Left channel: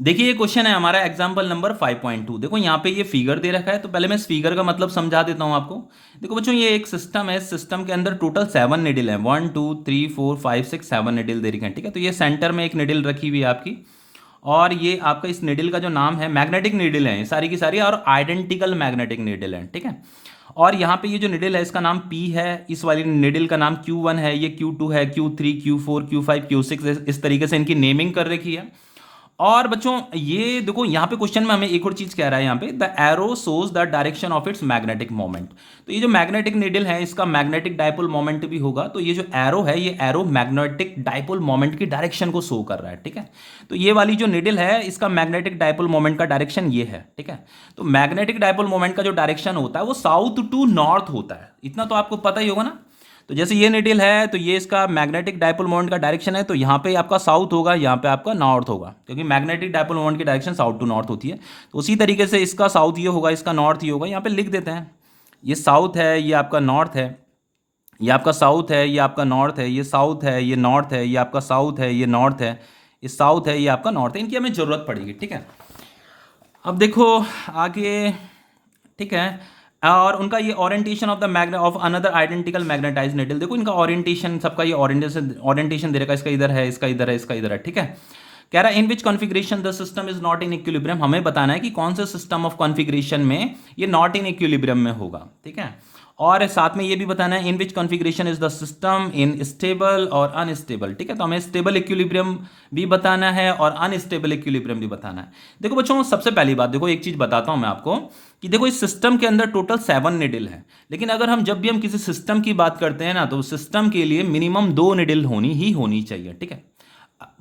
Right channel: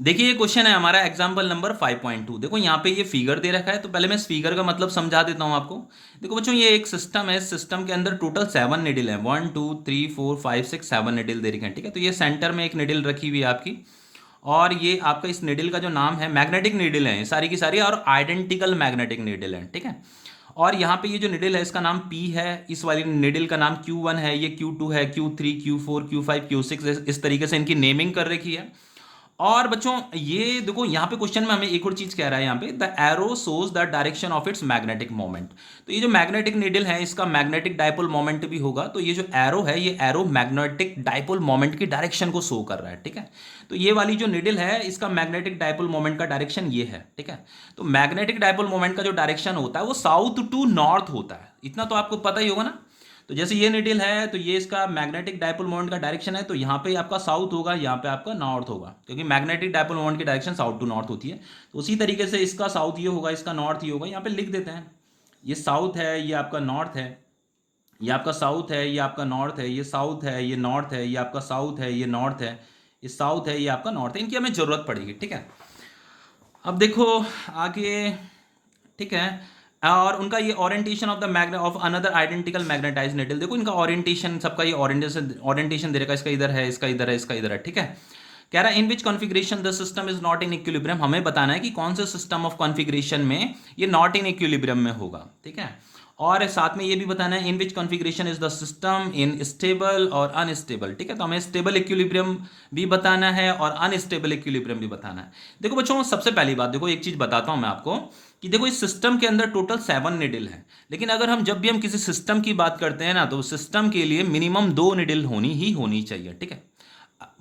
देखिए ये क्वेश्चन है हमारा एग्जाम्पल नंबर 5.2। देखो यहाँ पे ये फिगर दे रखा है, तो पहले मैं इस फिगर का मतलब समझा देता हूँ आपको। देखो बच्चों, ये एक सिस्टम है, इस सिस्टम के अंदर टोटल 7 निडिल है, 1 2 3 4 5 6 7 निडिल दे रखे हैं। ठीक है, तो ये सेंटर में एक निडिल रखी हुई है आपकी, और ये आपका इस निडिल का जो नाम है, मैग्नेटिक निडिल है ये सारी की सारी, और आइडेंटिकल मैग्नेटिक निडिल है। ठीक है, और यहाँ पे ये जो निडिल है इसका नाम पी है, इस वाली निडिल का नाम Q1 है, ये Q2 है, Q3, Q4, Q5, Q6, इस तरीके से इनकी नेमिंग कर रखी है। और बच्चों ये देखो यहाँ पे क्वेश्चन में हमें एक और चीज कह रहा है, यहाँ पे the arrow shows the direction of its magnetic moment. तो ये जो मैग्नेटिक नीडल है इसका मैग्नेटिक डाइपोल मोमेंट भी होगा, तो ये जो एरो है ये एरो मैग्नेटिक डाइपोल मोमेंट की डायरेक्शन को शो कर रहा है। ठीक है, तो ये वाली जो नीडल है इसका मैग्नेटिक डाइपोल मोमेंट का डायरेक्शन ये है। ठीक है, तो मैग्नेटिक डाइपोल मोमेंट का जो डायरेक्शन होता है वो साउथ टू नॉर्थ होता है, इतना तो आपको पता ही होगा ना। तो जैसे ये निडिल है तो ये इसका मैग्नेटिक डाइपोल मोमेंट का डायरेक्शन है, तो यहाँ पे आपका साउथ होगा, यहाँ पे आपका नॉर्थ होगा, क्योंकि मैग्नेटिक डाइपोल मोमेंट की डायरेक्शन साउथ टू नॉर्थ होती है। तो उसी तरीके से इसका साउथ ये होगा, इसका नॉर्थ ये होगा, यहाँ पे लिख देते हैं। ये साउथ है, ये आपका नॉर्थ है, ये आपका साउथ है, ये आपका नॉर्थ है, ये साउथ है, ये नॉर्थ है, ये आपका साउथ है, ये नॉर्थ है, ये साउथ है, ये आपका नॉर्थ है। इनकी हमें जरूरत पड़ेगी। ठीक है, अब देखो आगे। ठीक है, और उनका ये orientation of the magnet of another identical magnetize needle, देखो इनका ओरिएंटेशन, सबका ये ओरिएंटेशन ओरिएंटेशन दे रखा है, इसका इधर है, इसका इधर है, इसका इधर है। ठीक है, कह रहा है in which configuration the system is not in equilibrium, हमें बताना है कि कौन से सिस्टम ऑफ कॉन्फ़िगरेशन में ये नॉट इन इक्विलिब्रियम में होगा। ठीक है, और साथ में ये भी बताना है in which configuration is the system in stable और अनस्टेबल। ठीक है, तो हमें स्टेबल इक्विलिब्रियम भी बताना है और अनस्टेबल इक्विलिब्रियम भी बताना है। देखो बच्चों, सबसे पहली बात देखो, एक चीज बताता हूं मैं आपको कि देखो इस सिस्टम के अंदर टोटल 7 निडिल है, लेकिन अगर हम जब भी हम किसी सिस्टम की बात करते हैं ना, तो सिस्टम के लिए मिनिमम 2 निडिल होनी चाहिए। ठीक है,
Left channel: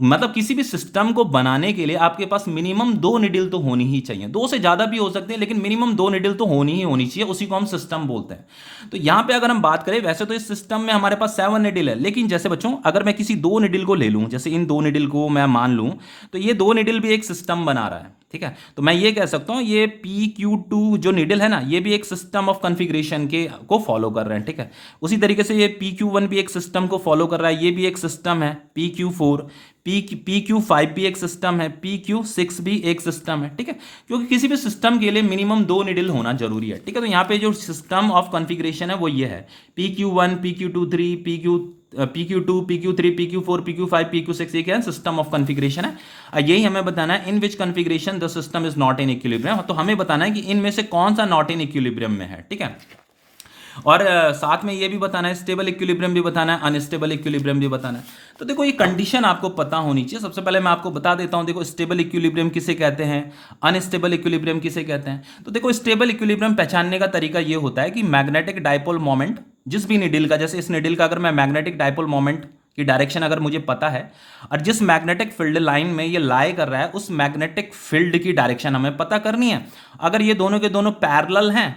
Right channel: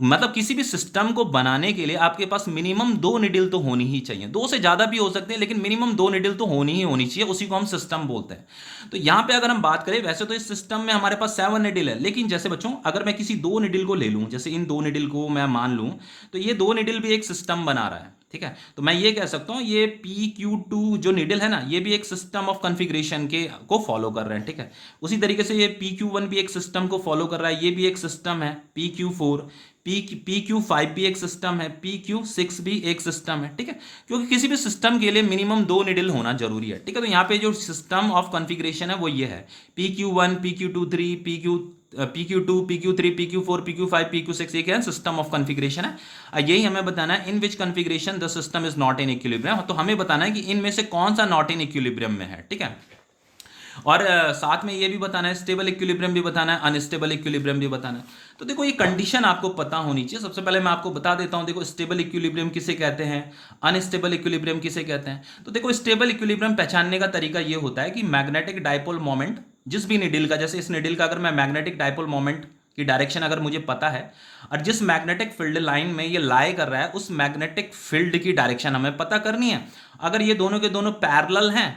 मतलब किसी भी सिस्टम को बनाने के लिए आपके पास मिनिमम 2 निडिल तो होनी ही चाहिए, 2 से ज्यादा भी हो सकते हैं, लेकिन मिनिमम 2 निडिल तो होनी चाहिए, उसी को हम सिस्टम बोलते हैं। तो यहां पे अगर हम बात करें, वैसे तो इस सिस्टम में हमारे पास 7 निडिल है, लेकिन जैसे बच्चों अगर मैं किसी 2 निडिल को ले लूं, जैसे इन 2 निडिल को मैं मान लूं, तो ये 2 निडिल भी एक सिस्टम बना रहा है। ठीक है, तो मैं ये कह सकता हूं ये PQ2 जो निडिल है ना, ये भी एक सिस्टम ऑफ कॉन्फ़िगरेशन के को फॉलो कर रहे हैं। ठीक है, उसी तरीके से ये PQ1 भी एक सिस्टम को फॉलो कर रहा है, ये भी एक सिस्टम है, PQ4, PQ5 भी एक सिस्टम है, PQ6 भी एक सिस्टम है। ठीक है, क्योंकि किसी भी सिस्टम के लिए मिनिमम 2 निडिल होना जरूरी है। ठीक है, तो यहाँ पे जो सिस्टम ऑफ कॉन्फ़िगरेशन है वो ये है, PQ1, PQ2 3, PQ2, PQ3, PQ4, PQ5, PQ6, ये क्या है, सिस्टम ऑफ कॉन्फ़िगरेशन है। यही हमें बताना है in which configuration the system is not in equilibrium, तो हमें बताना है कि इनमें से कौन सा नॉट इन इक्विलिब्रियम में है। ठीक है, और साथ में ये भी बताना है, स्टेबल इक्विलिब्रियम भी बताना है, अनस्टेबल इक्विलिब्रियम भी बताना है। तो देखो ये कंडीशन आपको पता होनी चाहिए। सबसे पहले मैं आपको बता देता हूं, देखो स्टेबल इक्विलिब्रियम किसे कहते हैं, अनस्टेबल इक्विलिब्रियम किसे कहते हैं। तो देखो स्टेबल इक्विलिब्रियम पहचानने का तरीका ये होता है कि मैग्नेटिक डाइपोल मोमेंट जिस भी निडिल का, जैसे इस निडिल का अगर मैं मैग्नेटिक डाइपोल मोमेंट की डायरेक्शन अगर मुझे पता है, और जिस मैग्नेटिक फील्ड लाइन में ये लाई कर रहा है उस मैग्नेटिक फील्ड की डायरेक्शन हमें पता करनी है। अगर ये दोनों के दोनों पैरेलल हैं,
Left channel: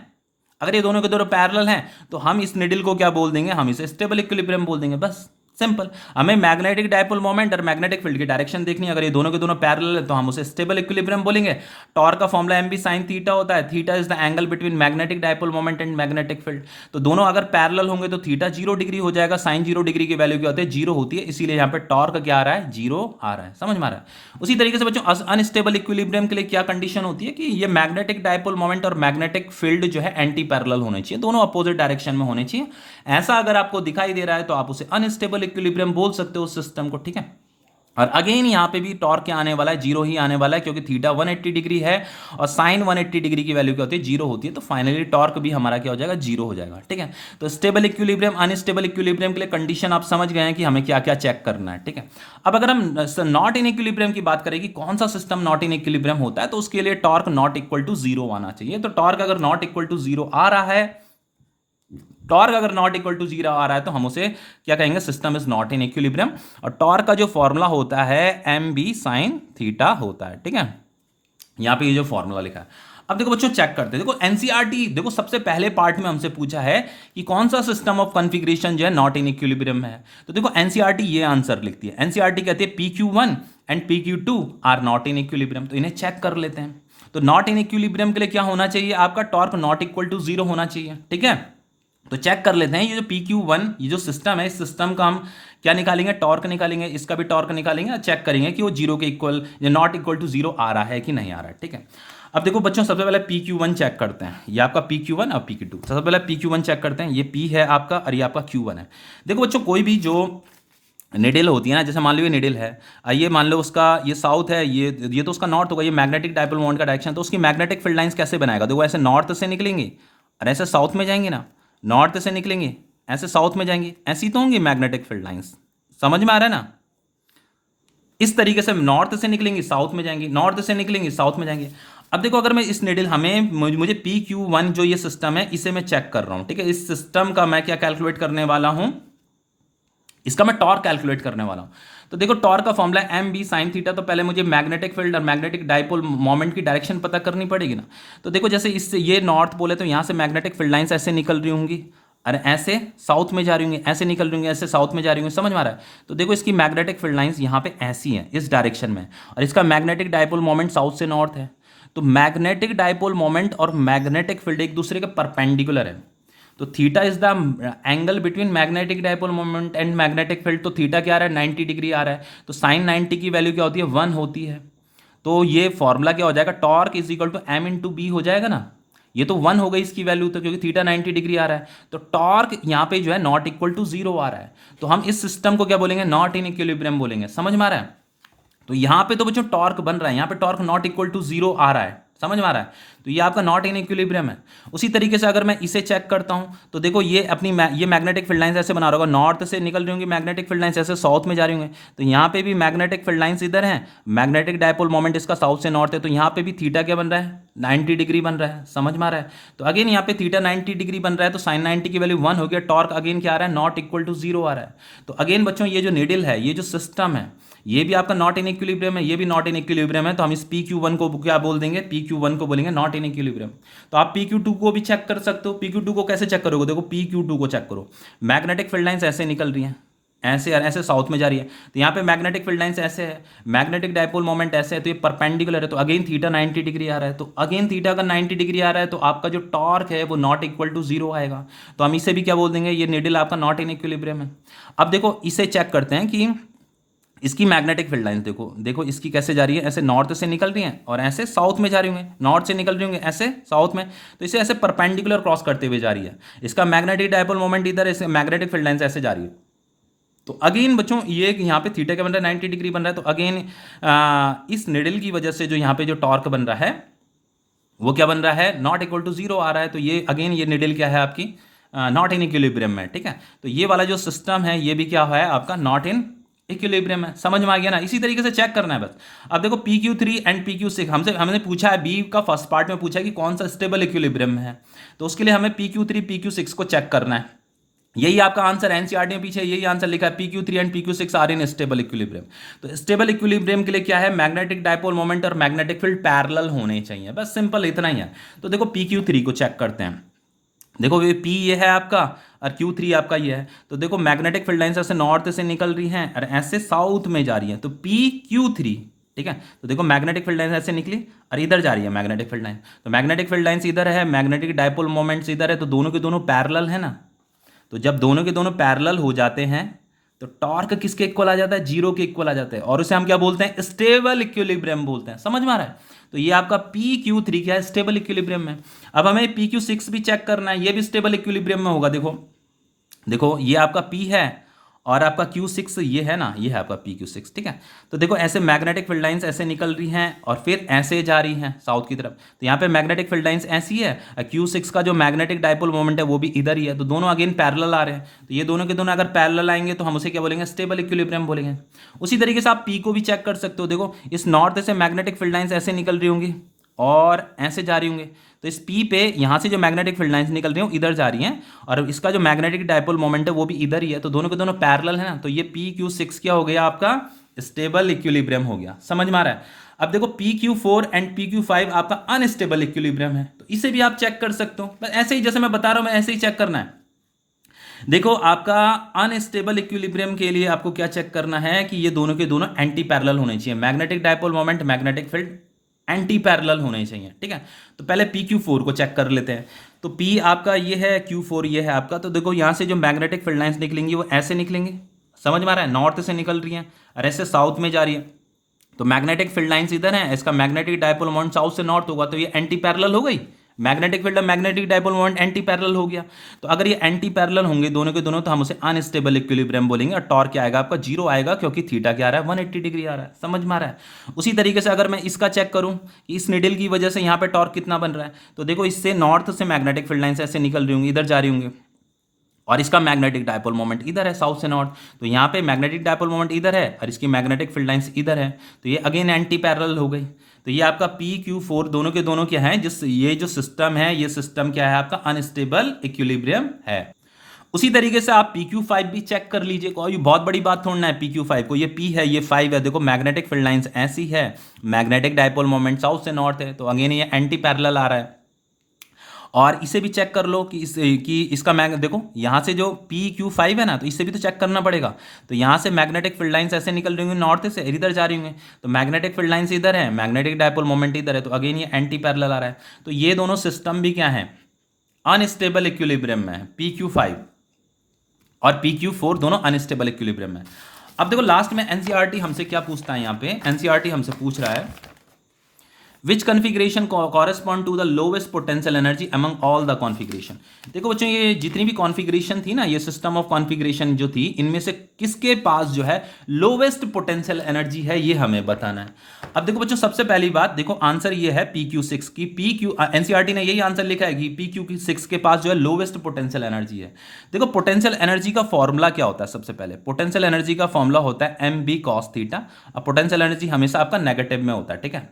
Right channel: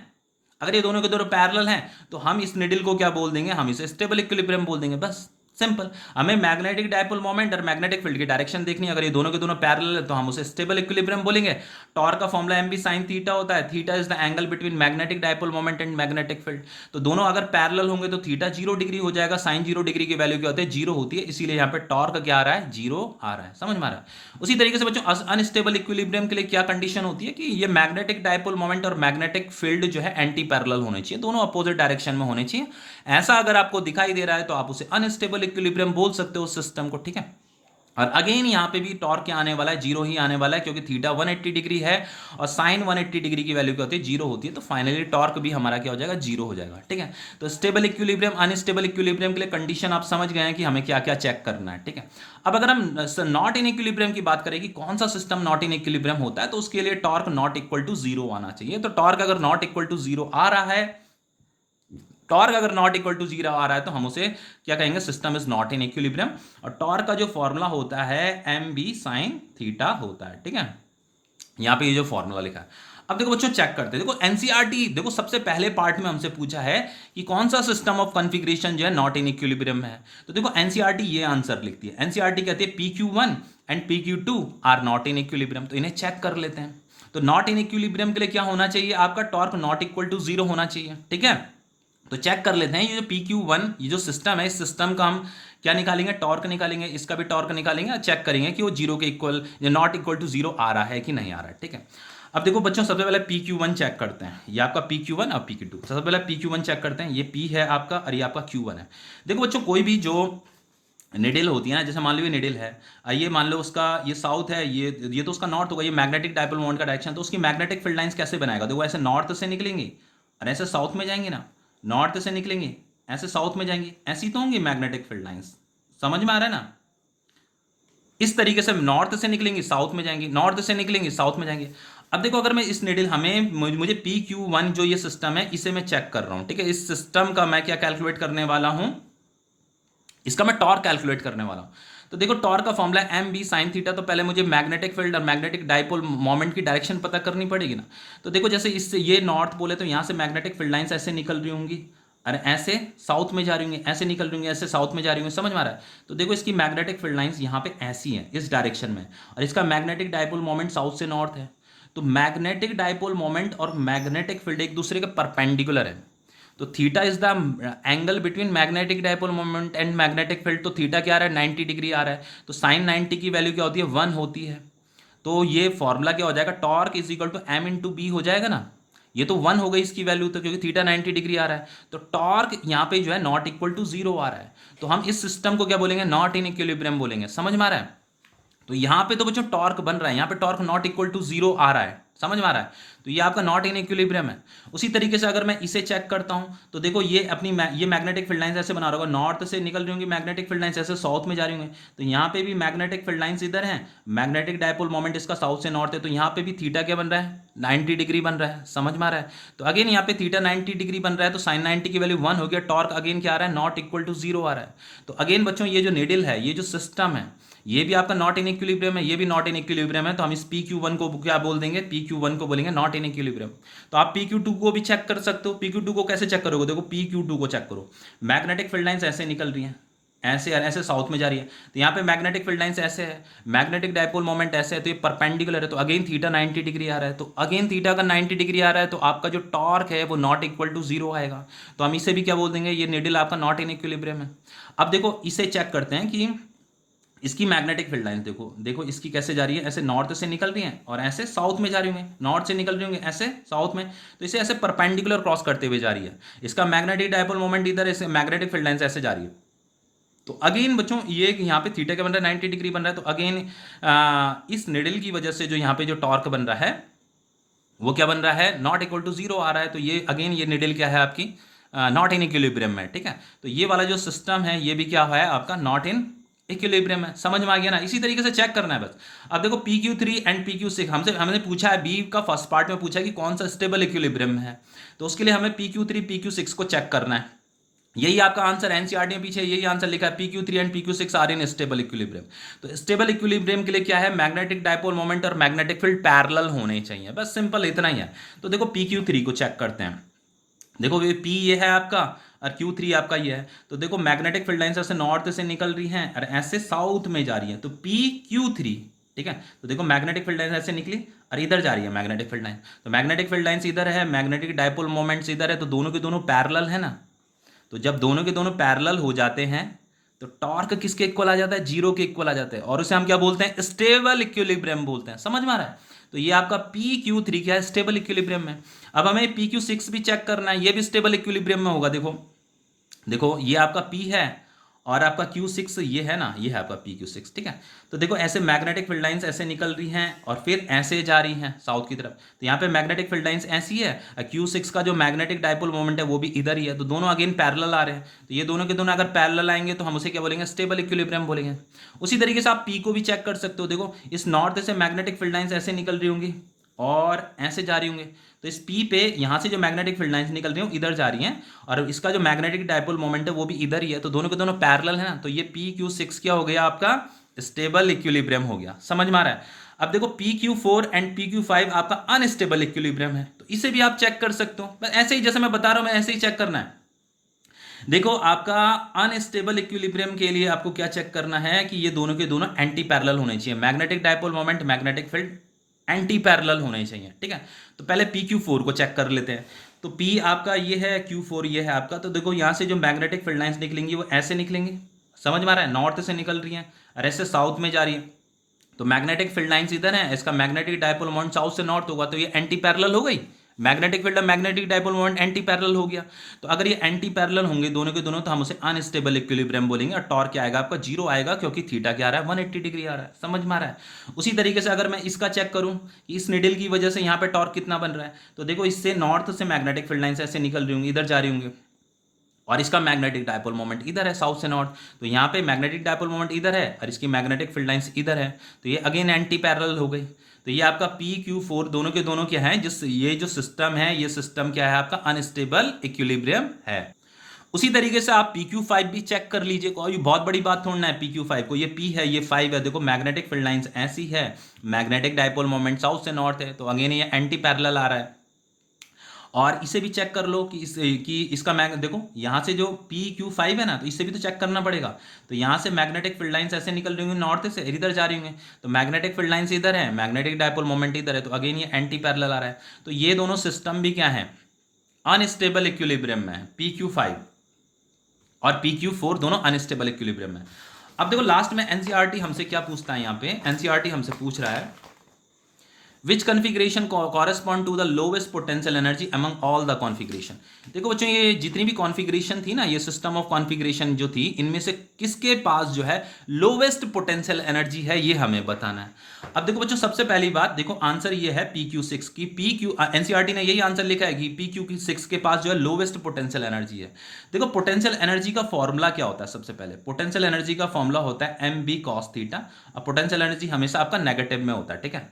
अगर ये दोनों के दोनों पैरेलल हैं, तो हम इस निडिल को क्या बोल देंगे, हम इसे स्टेबल इक्विलिब्रियम बोल देंगे, बस सिंपल। हमें मैग्नेटिक डाइपोल मोमेंट और मैग्नेटिक फील्ड की डायरेक्शन देखनी है, अगर ये दोनों के दोनों पैरेलल है तो हम उसे स्टेबल इक्विलिब्रियम बोलेंगे। टॉर्क का formula m b sine theta होता है, theta is the angle between magnetic dipole moment and magnetic field. तो दोनों अगर पैरेलल होंगे तो थीटा 0 डिग्री हो जाएगा, साइन 0 डिग्री की वैल्यू क्या होती है, 0 होती है, इसीलिए यहाँ पे टॉर्क क्या आ रहा है, 0 आ रहा है। समझ में आ रहा है। उसी तरीके से बच्चों अनस्टेबल इक्विलिब्रियम के लिए क्या कंडीशन होती है कि ये मैग्नेटिक डाइपोल मोमेंट और मैग्नेटिक फील्ड जो है एंटी पैरेलल होने चाहिए, दोनों अपोजिट डायरेक्शन में होने चाहिए। ऐसा अगर आपको दिखाई दे रहा है तो आप उसे अनस्टेबल इक्विलिब्रियम बोल सकते हो उस सिस्टम को। ठीक है, और अगेन यहाँ पे भी टॉर्क क्या आने वाला है, 0 ही आने वाला है, क्योंकि थीटा 180 डिग्री है और साइन 180 डिग्री की वैल्यू क्या होती है, 0 होती है। तो फाइनली टॉर्क भी हमारा क्या हो जाएगा, 0 हो जाएगा। ठीक है, तो स्टेबल इक्विलिब्रियम अनस्टेबल इक्विलिब्रियम के लिए कंडीशन आप समझ गए हैं कि हमें क्या क्या चेक करना है। ठीक है, अब अगर हम नॉट इन इक्विलिब्रियम की बात करें कि कौन सा सिस्टम नॉट इन इक्विलिब्रियम होता है, तो उसके लिए टॉर्क नॉट इक्वल टू 0 आना चाहिए। तो टॉर्क अगर नॉट इक्वल टू 0 आ रहा है, टॉर्क अगर नॉट इक्वल टू 0 आ रहा है तो हम उसे क्या कहेंगे, system is not in equilibrium. और टॉर्क का जो फॉर्मूला होता है एम बी साइन थीटा होता है। ठीक है, यहां पे ये जो फॉर्मूला लिखा है। अब देखो बच्चों चेक करते हैं, देखो एनसीईआरटी, देखो सबसे पहले पार्ट में हमसे पूछा है कि कौन सा सिस्टम ऑफ कॉन्फ़िगरेशन जो है नॉट इन इक्विलिब्रियम में है। तो देखो एनसीईआरटी ये आंसर लिखती है, एनसीईआरटी कहती है PQ1 and PQ2 are not in equilibrium. तो इन्हें चेक कर लेते हैं। तो नॉट इन इक्विलिब्रियम के लिए क्या होना चाहिए, आपका टॉर्क नॉट इक्वल टू 0 होना चाहिए। ठीक है, तो चेक कर लेते हैं ये जो PQ1 ये जो सिस्टम है, इस सिस्टम का हम क्या निकालेंगे, टॉर्क निकालेंगे, इसका भी टॉर्क निकालेंगे और चेक करेंगे कि वो जीरो के इक्वल या नॉट इक्वल टू जीरो आ रहा है कि नहीं आ रहा है। ठीक है, अब देखो बच्चों सबसे पहले PQ1 चेक करते हैं, ये आपका PQ1 और PQ2। सबसे पहले PQ1 चेक करते हैं, ये P है आपका और ये आपका Q1 है। देखो बच्चों कोई भी जो निडिल होती है ना, जैसे मान लो ये निडिल है, ये मान लो उसका ये साउथ है, ये तो उसका नॉर्थ होगा, ये मैग्नेटिक डायपोल मोमेंट का डायरेक्शन, तो उसकी मैग्नेटिक फील्ड लाइंस कैसे बनाएगा, देखो ऐसे नॉर्थ से निकलेंगे और ऐसे साउथ में जाएंगे ना, नॉर्थ से निकलेंगे ऐसे साउथ में जाएंगे, ऐसी तो होंगी मैग्नेटिक फील्ड लाइंस। समझ में आ रहा है ना, इस तरीके से नॉर्थ से निकलेंगे साउथ में जाएंगे, नॉर्थ से निकलेंगे साउथ में जाएंगे। अब देखो अगर मैं इस निडिल मुझे PQ1 जो ये सिस्टम है इसे मैं चेक कर रहा हूं। ठीक है, इस सिस्टम का मैं क्या कैलकुलेट करने वाला हूं, इसका मैं टॉर्क कैलकुलेट करने वाला हूं। तो देखो टॉर्क का formula m b sine theta, तो पहले मुझे मैग्नेटिक फील्ड और मैग्नेटिक डाइपोल मोमेंट की डायरेक्शन पता करनी पड़ेगी ना। तो देखो जैसे इससे ये नॉर्थ पोल है तो यहाँ से मैग्नेटिक फील्ड लाइंस ऐसे निकल रही होंगी और ऐसे साउथ में जा रही होंगी, ऐसे निकल रही होंगी, ऐसे साउथ में जा रही होंगी। समझ में आ रहा है, तो देखो इसकी मैग्नेटिक फील्ड लाइंस यहाँ पे ऐसी हैं इस डायरेक्शन में, और इसका मैग्नेटिक डाइपोल मोमेंट साउथ से नॉर्थ है। तो मैग्नेटिक डाइपोल मोमेंट और मैग्नेटिक फील्ड एक दूसरे के परपेंडिकुलर है। तो theta is the angle between magnetic dipole moment and magnetic field. तो थीटा क्या आ रहा है, 90 डिग्री आ रहा है। तो साइन 90 की वैल्यू क्या होती है, 1 होती है। तो ये फॉर्मूला क्या हो जाएगा, torque is equal to m into b हो जाएगा ना। ये तो 1 हो गई इसकी वैल्यू, तो क्योंकि थीटा 90 डिग्री आ रहा है तो टॉर्क यहाँ पे जो है नॉट इक्वल टू जीरो आ रहा है। तो हम इस सिस्टम को क्या बोलेंगे, नॉट इन इक्विलिब्रियम बोलेंगे। समझ में आ रहा है, तो यहाँ पे तो बच्चों टॉर्क बन रहा है, यहाँ पे torque not equal to zero आ रहा है। समझ में आ रहा है, तो ये आपका नॉट इन इक्विलिब्रियम है। उसी तरीके से अगर मैं इसे चेक करता हूँ तो देखो ये ये मैग्नेटिक फील्ड लाइंस ऐसे बना रहा होगा, नॉर्थ से निकल रही होंगी मैग्नेटिक फील्ड लाइंस, ऐसे साउथ में जा रही होंगे। तो यहाँ पे भी मैग्नेटिक फील्ड लाइंस इधर है, मैग्नेटिक डायपोल मोमेंट इसका साउथ से नॉर्थ है, तो यहाँ पे भी थीटा क्या बन रहा है, 90 डिग्री बन रहा है। समझ में आ रहा है, तो अगेन यहाँ पे थीटा 90 डिग्री बन रहा है, तो साइन 90 की वैल्यू 1 हो गया। टॉर्क अगेन क्या आ रहा है, नॉट इक्वल टू जीरो आ रहा है। तो अगेन बच्चों ये जो निडिल है, ये जो सिस्टम है, ये भी आपका नॉट इन इक्विलिब्रियम है, ये भी नॉट इन इक्विलिब्रियम है। तो हम इस PQ1 को क्या बोल देंगे, PQ1 को बोलेंगे नॉट इन इक्विलिब्रियम। तो आप PQ2 को भी चेक कर सकते हो। PQ2 को कैसे चेक करोगे, देखो PQ2 को चेक करो, मैग्नेटिक फील्ड लाइंस ऐसे निकल रही हैं, ऐसे और ऐसे साउथ में जा रही है। तो यहाँ पे मैग्नेटिक फील्ड लाइंस ऐसे है, मैग्नेटिक डायपोल मोमेंट ऐसे है, तो ये परपेंडिकुलर है। तो अगेन थीटा 90 डिग्री आ रहा है, तो अगेन थीटा का 90 डिग्री आ रहा है, तो आपका जो टॉर्क है वो नॉट इक्वल टू जीरो आएगा। तो हम इसे भी क्या बोल देंगे, ये निडिल आपका नॉट इन इक्विलिब्रियम है। अब देखो इसे चेक करते हैं कि इसकी मैग्नेटिक फील्ड लाइन देखो, देखो इसकी कैसे जा रही है, ऐसे नॉर्थ से निकल रही हैं और ऐसे साउथ में जा रही होंगे, नॉर्थ से निकल रही होंगे ऐसे साउथ में, तो इसे ऐसे परपेंडिकुलर क्रॉस करते हुए जा रही है। इसका मैग्नेटिक डायपोल मोमेंट इधर, ऐसे मैग्नेटिक फील्ड लाइन से ऐसे जा रही है। तो अगेन बच्चों ये यहाँ पे थीटा का बन रहा है 90 डिग्री बन रहा है। तो अगेन इस निडल की वजह से जो यहाँ पे जो टॉर्क बन रहा है वो क्या बन रहा है, नॉट इक्वल टू जीरो आ रहा है। तो ये अगेन ये निडल क्या है आपकी, नॉट इन इक्विलिब्रियम में। ठीक है, तो ये वाला जो सिस्टम है ये भी क्या है आपका, नॉट इन इक्विलिब्रियम है। समझ में आ गया ना, इसी तरीके से चेक करना है बस। अब देखो PQ3 एंड PQ6 हमने पूछा है, बी का फर्स्ट पार्ट में पूछा है कि कौन सा स्टेबल इक्विलिब्रियम में है, तो उसके लिए हमें PQ3 PQ6 को चेक करना है। यही आपका आंसर एनसीईआरटी में पीछे यही आंसर लिखा है, PQ3 and PQ6 are in stable equilibrium. तो स्टेबल इक्विलिब्रियम के लिए क्या है, मैग्नेटिक डायपोल मोमेंट और मैग्नेटिक फील्ड पैरेलल होने चाहिए, बस सिंपल इतना ही है। तो देखो PQ3 को चेक करते हैं, देखो ये P ये है आपका और Q3 आपका ये है। तो देखो मैग्नेटिक फील्ड लाइंस ऐसे नॉर्थ से निकल रही हैं और ऐसे साउथ में जा रही हैं, तो PQ3। ठीक है, तो देखो मैग्नेटिक फील्ड लाइंस ऐसे निकली और इधर जा रही है मैग्नेटिक फील्ड लाइन, तो मैग्नेटिक फील्ड लाइंस इधर है, मैग्नेटिक डायपोल मोमेंट्स इधर है, तो दोनों के दोनों पैरेलल है ना। तो जब दोनों के दोनों पैरेलल हो जाते हैं तो टॉर्क किसके इक्वल आ जाता है, जीरो के इक्वल आ जाता है, और उसे हम क्या बोलते हैं, स्टेबल इक्विलिब्रियम बोलते हैं। समझ में आ रहा है, तो ये आपका PQ3 क्या है, स्टेबल इक्विलिब्रियम में। अब हमें PQ6 भी चेक करना है, ये भी स्टेबल इक्विलिब्रियम में होगा। देखो देखो ये आपका P है और आपका Q6 ये है ना, ये है आपका PQ6। ठीक है, तो देखो ऐसे मैग्नेटिक फील्ड लाइंस ऐसे निकल रही हैं और फिर ऐसे जा रही हैं साउथ की तरफ। तो यहाँ पे मैग्नेटिक फील्ड लाइंस ऐसी है, Q6 का जो मैग्नेटिक डायपोल मोमेंट है वो भी इधर ही है, तो दोनों अगेन पैरेलल आ रहे हैं। तो ये दोनों के दोनों अगर पैरेलल आएंगे तो हम उसे क्या बोलेंगे, स्टेबल इक्विलिब्रियम बोलेंगे। उसी तरीके से आप P को भी चेक कर सकते हो। देखो इस नॉर्थ से मैग्नेटिक फील्ड लाइंस ऐसे निकल रही होंगी और ऐसे जा रही होंगी, तो इस P पे यहाँ से जो मैग्नेटिक फील्ड लाइंस निकल रही हैं इधर जा रही हैं और इसका जो मैग्नेटिक डायपोल मोमेंट है वो भी इधर ही है, तो दोनों के दोनों पैरेलल है ना। तो ये PQ6 क्या हो गया आपका, स्टेबल इक्विलिब्रियम हो गया। समझ में आ रहा है। अब देखो PQ4 एंड PQ5 आपका अनस्टेबल इक्विलिब्रियम है, तो इसे भी आप चेक कर सकते हो, बस ऐसे ही जैसे मैं बता रहा हूँ मैं ऐसे ही चेक करना है। देखो आपका अनस्टेबल इक्विलिब्रियम के लिए आपको क्या चेक करना है कि ये दोनों के दोनों एंटी पैरेलल होने चाहिए, magnetic dipole moment magnetic field anti parallel होने चाहिए, ठीक है। तो पहले पी क्यू फोर को चेक कर लेते हैं। तो पी आपका ये है, क्यू फोर ये है आपका। तो देखो यहाँ से जो मैग्नेटिक फील्ड लाइंस निकलेंगी वो ऐसे निकलेंगी, समझ में आ रहा है, नॉर्थ से निकल रही हैं और ऐसे साउथ में जा रही है। तो मैग्नेटिक फील्ड लाइंस इधर है, इसका मैग्नेटिक डायपोल मोमेंट साउथ से नॉर्थ होगा, तो ये एंटी पैरेलल हो गई। Magnetic field magnetic dipole moment anti parallel हो गया। तो अगर ये एंटी पैरेलल होंगे दोनों के दोनों, तो हम उसे अनस्टेबल इक्विलिब्रियम बोलेंगे। और टॉर्क क्या आएगा आपका, जीरो आएगा, क्योंकि थीटा क्या आ रहा है, 180 डिग्री आ रहा है, समझ में आ रहा है। उसी तरीके से अगर मैं इसका चेक करूं कि इस निडल की वजह से यहाँ पे टॉर्क कितना बन रहा है, तो देखो इससे नॉर्थ से मैग्नेटिक फील्ड लाइन्स ऐसे निकल रही होंगी, इधर जा रही होंगी, और इसका मैग्नेटिक डायपोल मोमेंट इधर है साउथ से नॉर्थ। तो यहाँ पे मैग्नेटिक डायपोल मोमेंट इधर है और इसकी मैग्नेटिक फील्ड लाइंस इधर है, तो ये अगेन एंटी पैरेलल हो गई। तो ये आपका पी क्यू फोर दोनों के दोनों क्या है, जिस ये जो सिस्टम है, ये सिस्टम क्या है आपका, अनस्टेबल इक्विलिब्रियम है। उसी तरीके से आप पी क्यू फाइव भी चेक कर लीजिए, कोई बहुत बड़ी बात थोड़ा है। पी क्यू फाइव को, ये पी है ये फाइव है, देखो मैग्नेटिक फील्ड लाइंस ऐसी है, मैग्नेटिक डायपोल मोमेंट साउथ से नॉर्थ है, तो अगेन ये एंटी पैरेलल आ रहा है। और इसे भी चेक कर लो कि इसका मैग देखो यहाँ से जो पी क्यू फाइव है ना, तो इससे भी तो चेक करना पड़ेगा। तो यहाँ से मैग्नेटिक फील्ड लाइंस ऐसे निकल रही होंगी नॉर्थ से, इधर जा रही होंगी, तो मैग्नेटिक फील्ड लाइंस इधर है, मैग्नेटिक डायपोल मोमेंट इधर है, तो अगेन ये एंटी पैरेलल आ रहा है। तो ये दोनों सिस्टम भी क्या है, अनस्टेबल इक्विलिब्रियम में है, पी क्यू फाइव और पी क्यू फोर दोनों अनस्टेबल इक्विलिब्रियम में। अब देखो लास्ट में एनसीईआरटी हमसे क्या पूछता है, यहाँ पे एनसीईआरटी हमसे पूछ रहा है which configuration correspond to the lowest potential energy among all the configuration. देखो बच्चों, ये जितनी भी कॉन्फ़िगरेशन थी ना, ये सिस्टम ऑफ कॉन्फ़िगरेशन जो थी, इनमें से किसके पास जो है लोवेस्ट पोटेंशियल एनर्जी है, ये हमें बताना है। अब देखो बच्चों, सबसे पहली बात देखो, आंसर ये है पी क्यू सिक्स की। पी क्यू एनसीईआरटी ने यही आंसर लिखा है कि पी क्यू की सिक्स के पास जो है लोवेस्ट पोटेंशियल एनर्जी है। देखो पोटेंशियल एनर्जी का फॉर्मूला क्या होता है, सबसे पहले पोटेंशियल एनर्जी का फॉर्मूला होता है एम बी कॉस थीटा। अब पोटेंशियल एनर्जी हमेशा आपका नेगेटिव में होता है, ठीक है।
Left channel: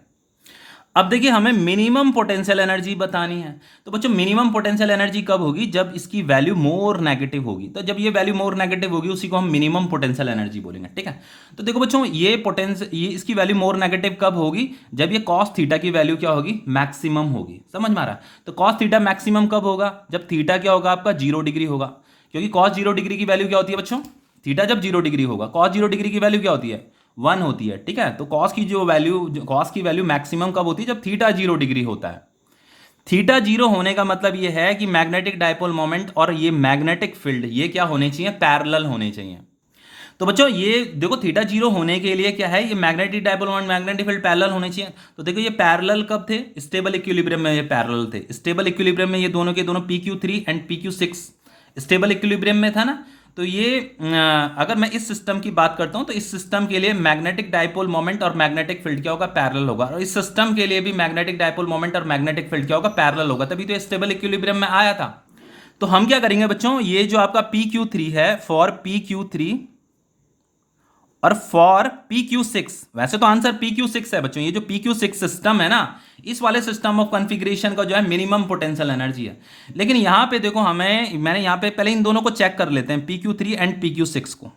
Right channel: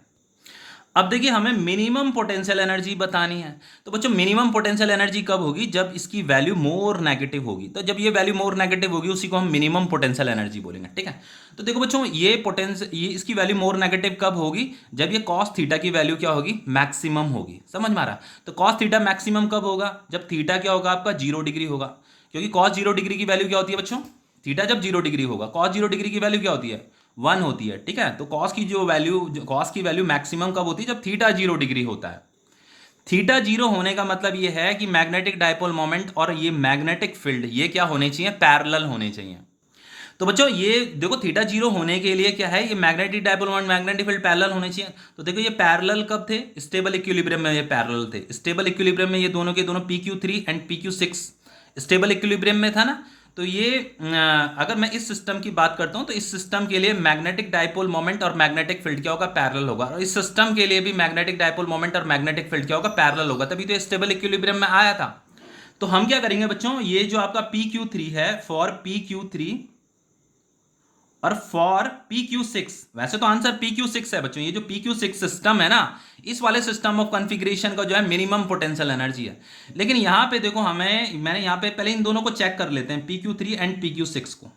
अब देखिए हमें मिनिमम पोटेंशियल एनर्जी बतानी है। तो बच्चों मिनिमम पोटेंशियल एनर्जी कब होगी, जब इसकी वैल्यू मोर नेगेटिव होगी। तो जब ये वैल्यू मोर नेगेटिव होगी, उसी को हम मिनिमम पोटेंशियल एनर्जी बोलेंगे, ठीक है। तो देखो बच्चों, ये इसकी वैल्यू मोर नेगेटिव कब होगी, जब ये कॉस थीटा की वैल्यू क्या होगी, मैक्सिमम होगी, समझ में आ रहा है। तो कॉस थीटा मैक्सिमम कब होगा, जब थीटा क्या होगा आपका 0 डिग्री होगा, क्योंकि कॉस 0 डिग्री की वैल्यू क्या होती है बच्चों, थीटा जब 0 डिग्री होगा, कॉस 0 डिग्री की वैल्यू क्या होती है, 1 होती है, ठीक है। तो कॉस की वैल्यू मैक्सिमम कब होती है, जब थीटा 0 डिग्री होता है। थीटा 0 होने का मतलब ये है कि मैग्नेटिक डायपोल मोमेंट और ये मैग्नेटिक फील्ड ये क्या होने चाहिए, पैरेलल होने चाहिए। तो बच्चों ये देखो थीटा 0 होने के लिए क्या है, ये magnetic dipole moment magnetic field parallel होने चाहिए। तो देखो ये पैरेलल कब थे, स्टेबल इक्विलिब्रियम में ये पैरेलल थे। स्टेबल इक्विलिब्रियम में ये दोनों के दोनों P Q three and P Q six stable equilibrium में था ना। तो ये अगर मैं इस सिस्टम की बात करता हूं, तो इस सिस्टम के लिए मैग्नेटिक डायपोल मोमेंट और मैग्नेटिक फील्ड क्या होगा, पैरेलल होगा। और इस सिस्टम के लिए भी मैग्नेटिक डायपोल मोमेंट और मैग्नेटिक फील्ड क्या होगा, पैरेलल होगा, तभी तो स्टेबल इक्विलिब्रियम में आया था। तो हम क्या करेंगे बच्चों, ये जो आपका पी क्यू थ्री है, फॉर पी क्यू थ्री और फॉर पी क्यू सिक्स, वैसे तो आंसर पी क्यू सिक्स है बच्चों। ये जो पी क्यू सिक्स सिस्टम है ना, इस वाले सिस्टम ऑफ कॉन्फ़िगरेशन का जो है मिनिमम पोटेंशियल एनर्जी है। लेकिन यहाँ पे देखो मैंने यहाँ पे पहले इन दोनों को चेक कर लेते हैं, P Q three and P Q six को।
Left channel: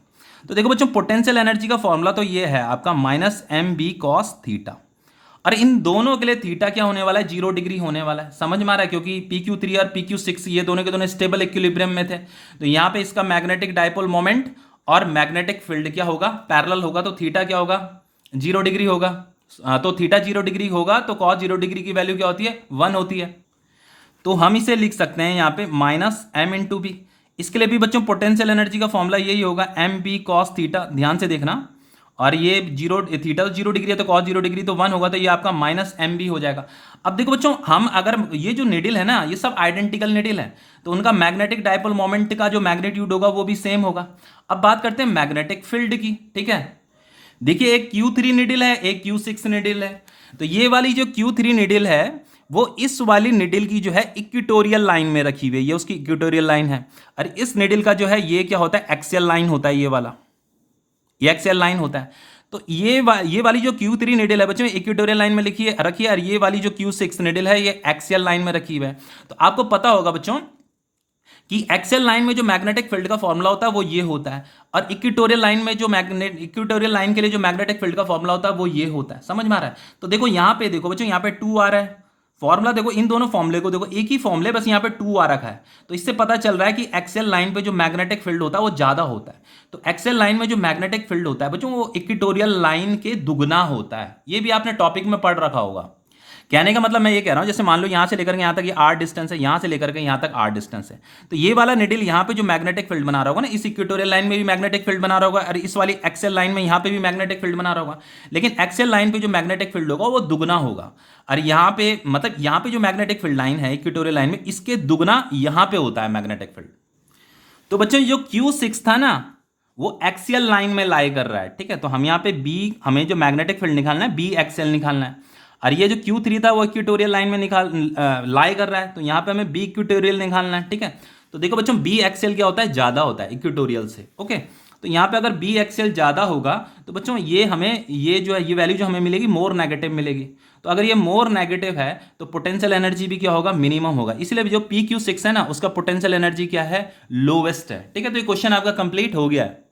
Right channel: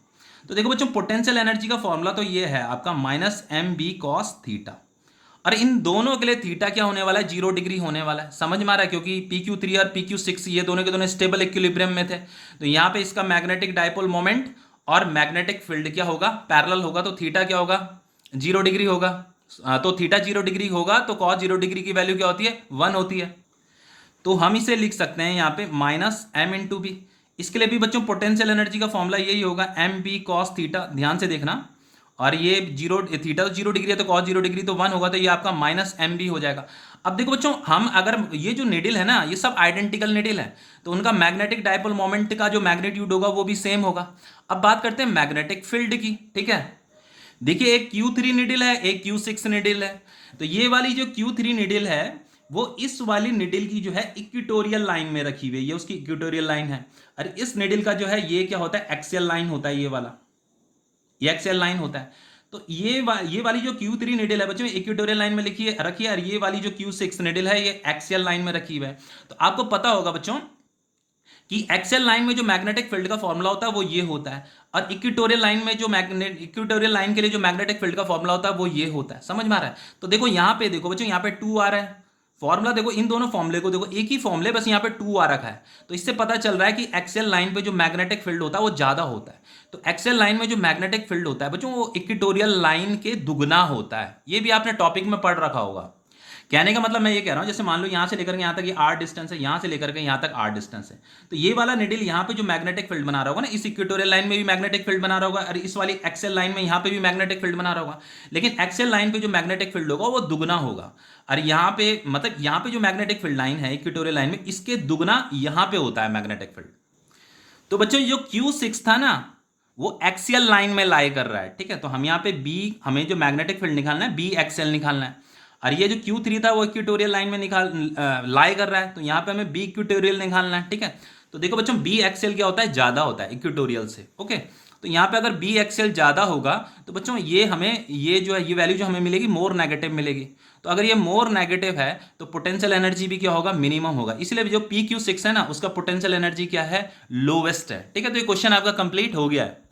तो देखो बच्चों, पोटेंशियल एनर्जी का फॉर्मूला तो ये है आपका minus m b cos theta. और इन दोनों के लिए थीटा क्या होने वाला है, 0 डिग्री होने वाला है, समझ में आ रहा है, क्योंकि पी क्यू थ्री और पी क्यू सिक्स ये दोनों के दोनों स्टेबल इक्विलिब्रियम में थे। तो यहाँ पे इसका मैग्नेटिक डायपोल मोमेंट और मैग्नेटिक फील्ड क्या होगा, पैरेलल होगा। तो थीटा क्या होगा, 0 डिग्री होगा। तो थीटा 0 डिग्री होगा, तो कॉस 0 डिग्री की वैल्यू क्या होती है, 1 होती है। तो हम इसे लिख सकते हैं यहाँ पे माइनस एम इंटू बी। इसके लिए भी बच्चों पोटेंशियल एनर्जी का फॉर्मूला यही होगा, एम बी कॉस थीटा, ध्यान से देखना। और ये थीटा तो 0 डिग्री है, तो कॉस 0 डिग्री तो 1 होगा, तो ये आपका माइनस एम बी हो जाएगा। अब देखो बच्चों, हम अगर ये जो निडल है ना, ये सब आइडेंटिकल निडल है, तो उनका मैग्नेटिक डायपोल मोमेंट का जो मैग्नीट्यूड होगा वो भी सेम होगा। अब बात करते हैं मैग्नेटिक फील्ड की, ठीक है। देखिए एक Q3 निडल है, एक Q6 निडल है। तो ये वाली जो Q3 निडल है, वो इस वाली निडल की जो है इक्वेटोरियल लाइन में रखी हुई है, ये उसकी इक्वेटोरियल लाइन है। और इस निडल का जो है ये क्या होता है, एक्सियल लाइन होता है, ये वाला ये एक्सियल लाइन होता है। तो ये वाली जो Q3 निडल है बच्चों, इक्वेटोरियल लाइन में रखी है, और ये वाली जो Q6 निडल है, ये एक्सियल लाइन में रखी हुई है। तो आपको पता होगा बच्चों कि एक्सियल लाइन में जो मैग्नेटिक फील्ड का फॉर्मूला होता है वो ये होता है, और इक्वेटोरियल लाइन में जो इक्वेटोरियल लाइन के लिए जो मैग्नेटिक फील्ड का फॉर्मूला होता है वो ये होता है, समझ में आ रहा है। तो देखो यहाँ पे देखो बच्चों, यहाँ पे 2 आ रहा है फॉर्मूला, देखो इन दोनों फॉर्मूले को देखो, एक ही फॉर्मूले, बस यहाँ पे 2 आ रखा है। तो इससे पता चल रहा है कि एक्सियल लाइन पे जो मैग्नेटिक फील्ड होता है वो ज्यादा होता है। तो एक्सियल लाइन में जो मैग्नेटिक फील्ड होता है बच्चों, वो इक्वेटोरियल लाइन के दुगना होता है। ये भी आपने टॉपिक में पढ़ रखा होगा। कहने का मतलब मैं ये कह रहा हूँ, जैसे मान लो यहाँ से लेकर के यहाँ तक ये आर डिस्टेंस है, यहाँ से लेकर के यहाँ तक आर डिस्टेंस है, तो ये वाला निडिल यहाँ पे जो मैग्नेटिक फील्ड बना रहा होगा ना, इस इक्वेटोरियल लाइन में भी मैग्नेटिक फील्ड बना रहा होगा, और इस वाली एक्सेल लाइन में यहाँ पे भी मैग्नेटिक फील्ड बना रहा होगा। लेकिन एक्सेल लाइन पे जो मैग्नेटिक फील्ड होगा वो दुगना होगा, और यहाँ पे मतलब यहाँ पे जो मैग्नेटिक फील्ड लाइन है इक्वेटोरियल लाइन में, इसके दुगना यहाँ पे होता है मैग्नेटिक फील्ड। तो बच्चों जो Q6 था ना, वो एक्सियल लाइन में लाई कर रहा है, ठीक है। तो हम यहाँ पे बी, हमें जो मैग्नेटिक फील्ड निकालना है बी एक्सियल निकालना है, और ये जो Q3 था वो इक्वेटोरियल लाइन में लाई कर रहा है, तो यहाँ पे हमें बी इक्वेटोरियल निकालना है, ठीक है। तो देखो बच्चों बी एक्सियल क्या होता है, ज़्यादा होता है इक्वेटोरियल से, ओके। तो यहाँ पे अगर बी एक्सियल ज़्यादा होगा तो बच्चों ये हमें, ये जो है ये वैल्यू जो हमें मिलेगी मोर नेगेटिव मिलेगी। तो अगर ये मोर नेगेटिव है तो पोटेंशियल एनर्जी भी क्या होगा, मिनिमम होगा। इसलिए जो PQ6 है ना, उसका पोटेंशियल एनर्जी क्या है, लोवेस्ट है, ठीक है। तो ये क्वेश्चन आपका कंप्लीट हो गया है।